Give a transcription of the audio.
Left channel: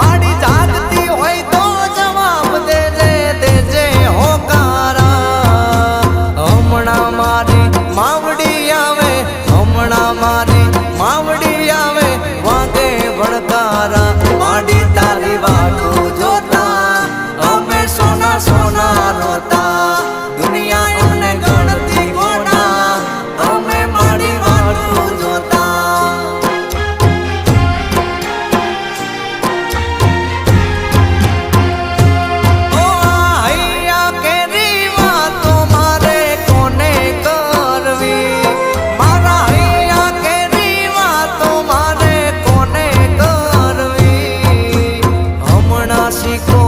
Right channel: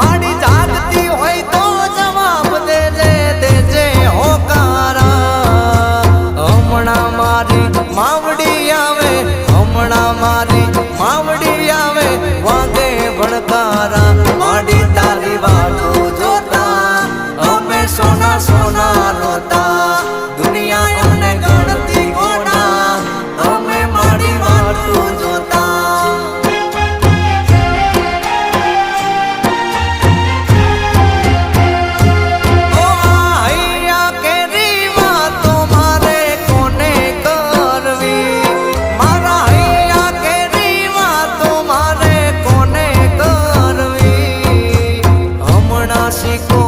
માડી જાગતી હોય તો જવાબ દેજે હોકારા હમણાં મારી માવડી આવે હમણાં મારી માવડી આવે વાગે ભણકારા માડી તારી વાટું જોતા અમે સોના સોના રોતા દુનિયા અમને ગણતી ગોડા અમે માડી વાટું જોતા Chico